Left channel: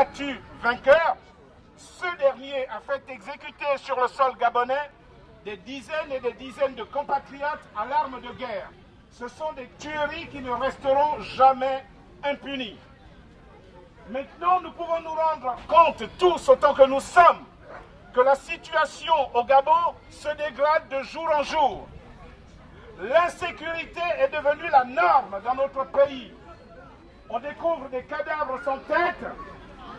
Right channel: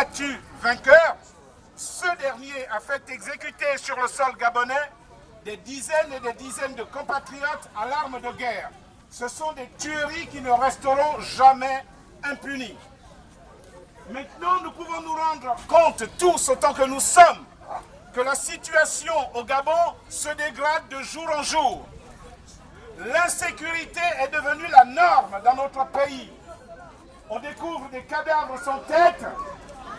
battu vainqueur, ce dernier a fait exécuter sur le sol gabonais des dizaines et des dizaines de compatriotes à l'arme de guerre. Ce sont des tueries qui ne resteront jamais impunies. Maintenant, nous pouvons nous rendre compte, tous autant que nous sommes, que la situation au Gabon se dégrade de jour en jour. L'insécurité est devenue la norme dans notre pays. On découvre des cadavres sans tête,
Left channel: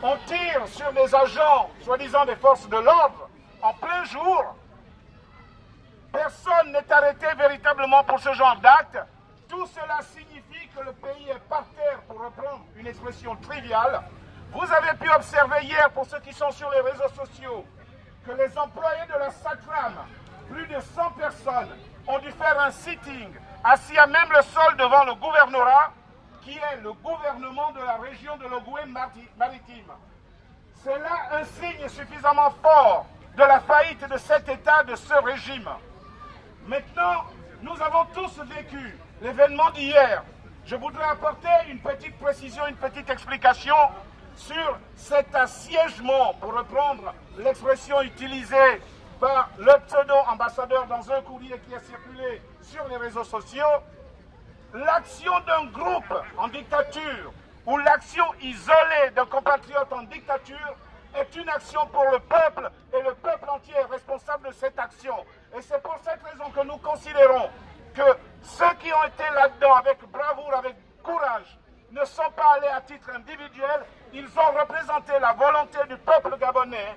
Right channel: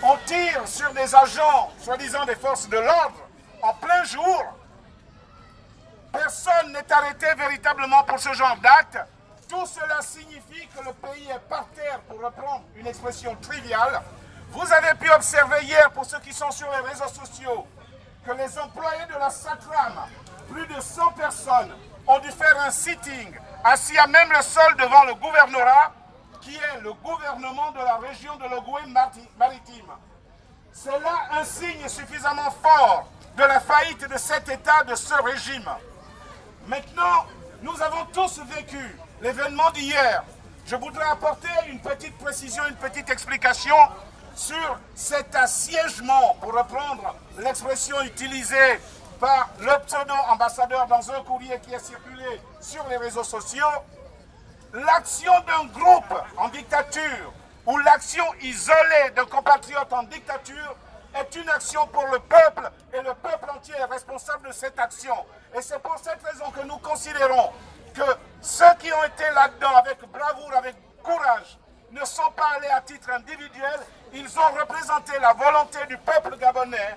on tire sur des agents, soi-disant des forces de l'ordre, en plein jour. Personne n'est arrêté véritablement pour ce genre d'acte. Tout cela signifie que le pays est par terre, pour reprendre une expression triviale. Vous avez pu observer hier, pour ceux qui sont sur les réseaux sociaux, que les employés de la SATRAM, plus de 100 personnes, ont dû faire un sitting, assis à même le sol devant le gouvernorat, qui est le gouvernement de la région de l'Ogooué-Maritime. C'est là un signe suffisamment fort de la faillite de cet État, de ce régime. Maintenant, nous avons tous vécu l'événement d'hier. Je voudrais apporter une petite précision, une petite explication sur cet assiègement, pour reprendre l'expression utilisée par le pseudo-ambassadeur dans un courrier qui a circulé sur les réseaux sociaux. L'action d'un groupe en dictature ou l'action isolée d'un compatriote en dictature est une action pour le peuple et le peuple entier est responsable de cette action. Et c'est pour cette raison que nous considérons que ceux qui ont été là-dedans avec bravoure, avec courage, ne sont pas allés à titre individuel, ils ont représenté la volonté du peuple gabonais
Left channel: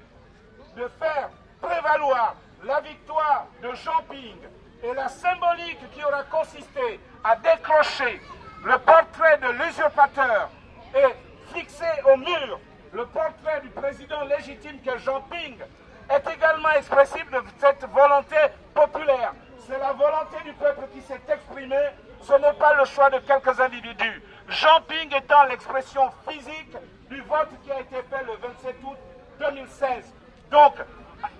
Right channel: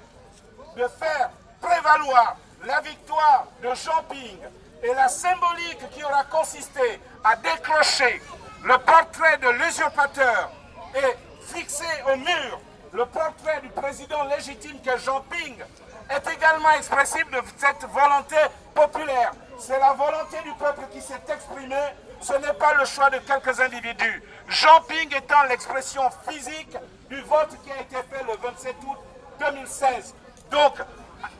de faire prévaloir la victoire de Jean Ping et la symbolique qui aura consisté à décrocher le portrait de l'usurpateur et fixer au mur le portrait du président légitime que Jean Ping est également expressif de cette volonté populaire. C'est la volonté du peuple qui s'est exprimée, ce n'est pas le choix de quelques individus. Jean Ping étant l'expression physique du vote qui a été fait le 27 août 2016. Donc,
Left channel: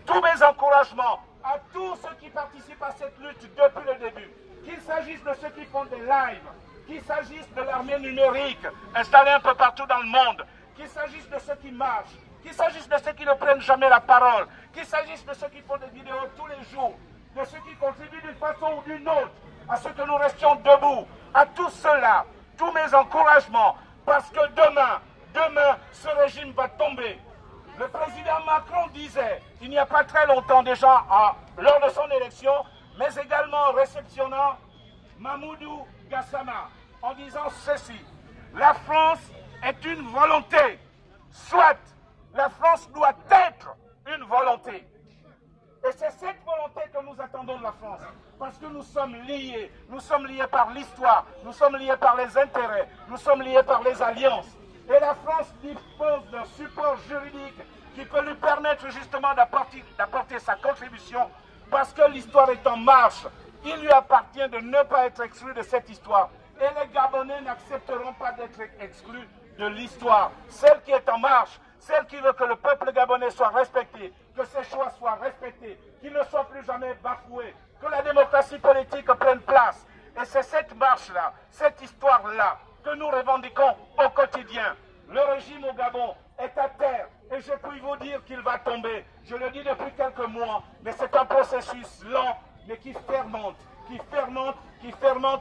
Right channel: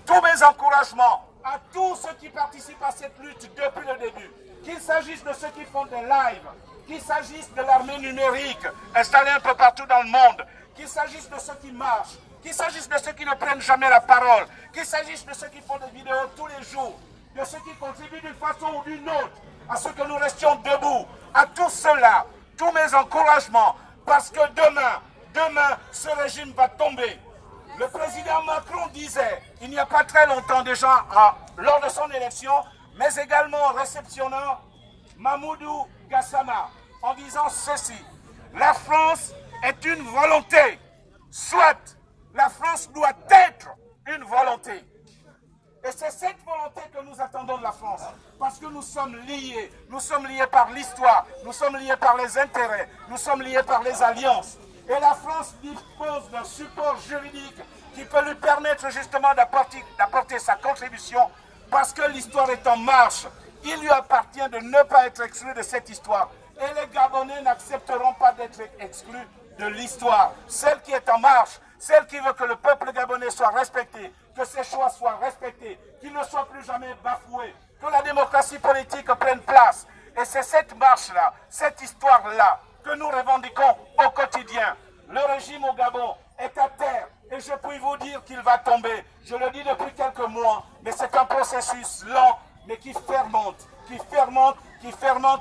tous mes encouragements à tous ceux qui participent à cette lutte depuis le début, qu'il s'agisse de ceux qui font des lives, qu'il s'agisse de l'armée numérique installée un peu partout dans le monde, qu'il s'agisse de ceux qui marchent, qu'il s'agisse de ceux qui ne prennent jamais la parole, qu'il s'agisse de ceux qui font des vidéos tous les jours, de ceux qui contribuent d'une façon ou d'une autre à ce que nous restions debout, à tous ceux-là, tous mes encouragements, parce que demain, ce régime va tomber. Le président Macron disait, il n'y a pas très longtemps déjà, lors de son élection, mais également en réceptionnant Mamoudou Gassama, en disant ceci: la France est une volonté, soit la France doit être une volonté. Et c'est cette volonté que nous attendons de la France, parce que nous sommes liés par l'histoire, nous sommes liés par les intérêts, nous sommes liés par les alliances. Et la France dispose d'un support juridique qui peut lui permettre justement d'apporter sa contribution, parce que l'histoire est en marche. Il lui appartient de ne pas être exclu de cette histoire. Et les Gabonais n'accepteront pas d'être exclus de l'histoire. Celle qui est en marche, celle qui veut que le peuple gabonais soit respecté, que ses choix soient respectés, qu'il ne soit plus jamais bafoué, que la démocratie politique prenne place. Et c'est cette marche-là, cette histoire-là, que nous revendiquons au quotidien. Le régime au Gabon est à terre et je puis vous dire qu'il va tomber. Je le dis depuis quelques mois, mais c'est un processus lent, mais qui fermente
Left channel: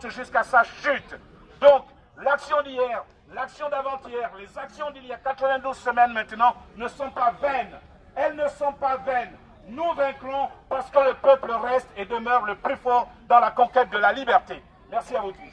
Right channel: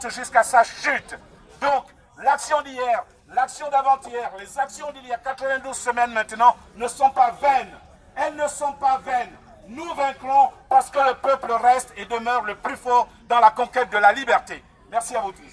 jusqu'à sa chute. Donc, l'action d'hier, l'action d'avant-hier, les actions d'il y a 92 semaines maintenant ne sont pas vaines. Elles ne sont pas vaines. Nous vaincrons parce que le peuple reste et demeure le plus fort dans la conquête de la liberté. Merci à vous tous.